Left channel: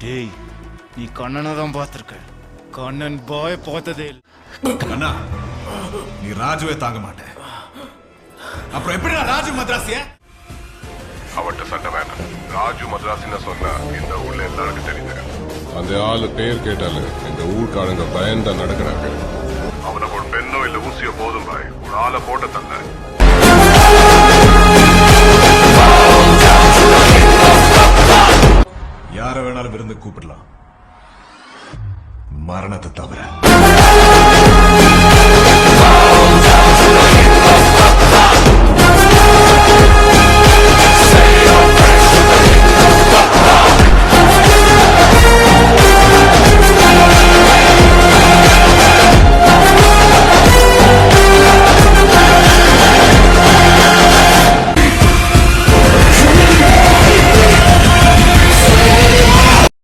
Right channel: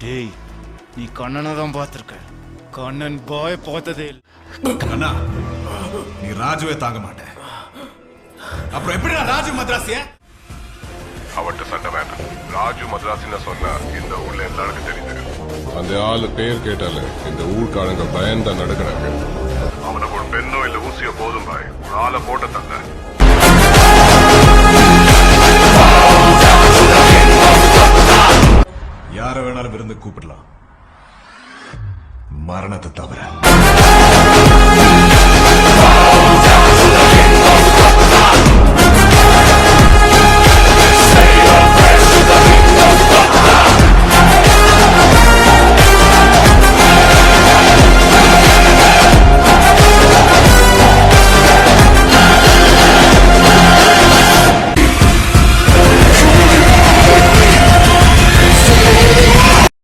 டேய் நீ கண்ணனை தான் பார்த்திருக்க கண்ணன் பாய் பார்த்ததே அண்ணா நீ ராஜுவே தாங்க மாட்டேன் அப்புறம் எப்படி ராஜு மദ്രാസിய அவட்ட சண்டை வேண்டாம் ராஜு மദ്രാസിன்னு சொன்னா இந்த ஊர்ல எல்லாருக்கும் தெரியுது அந்த ஆளு பேர் கேட்டாலே இந்த ஊர்க்காரங்க பயந்தான் நடக்கிறாங்க அவனுக்கு ஒரு பெண்ணோ இல்ல ஊசியோ போதும் பாய் ஒரு ஆளை போட்ட தந்த யார வேணாலும் விருந்து கூப்பிடலாம் மரணத்தை தவிர